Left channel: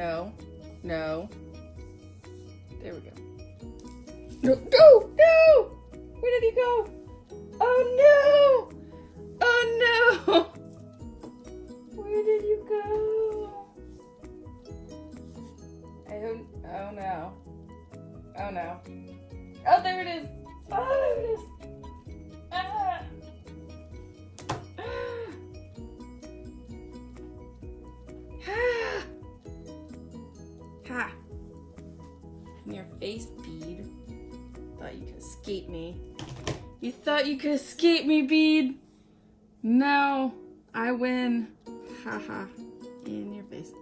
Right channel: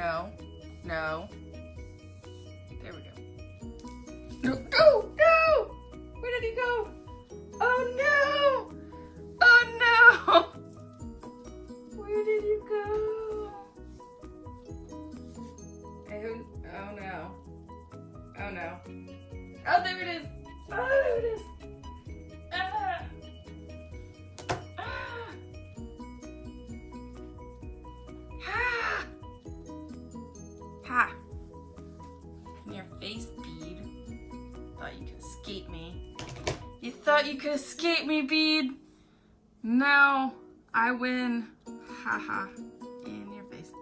No. No. There we go. No, no, no! Where did he go? Oh no! Oh no! Where did you go? Oh no. Oh no. Oh, there it is! Oh, there it is! Ah! Ah! Ha! Ha! In your face, Bead. Thought you could escape me. You thought you could escape me, Bead? No, I win. Ha ha. In your face.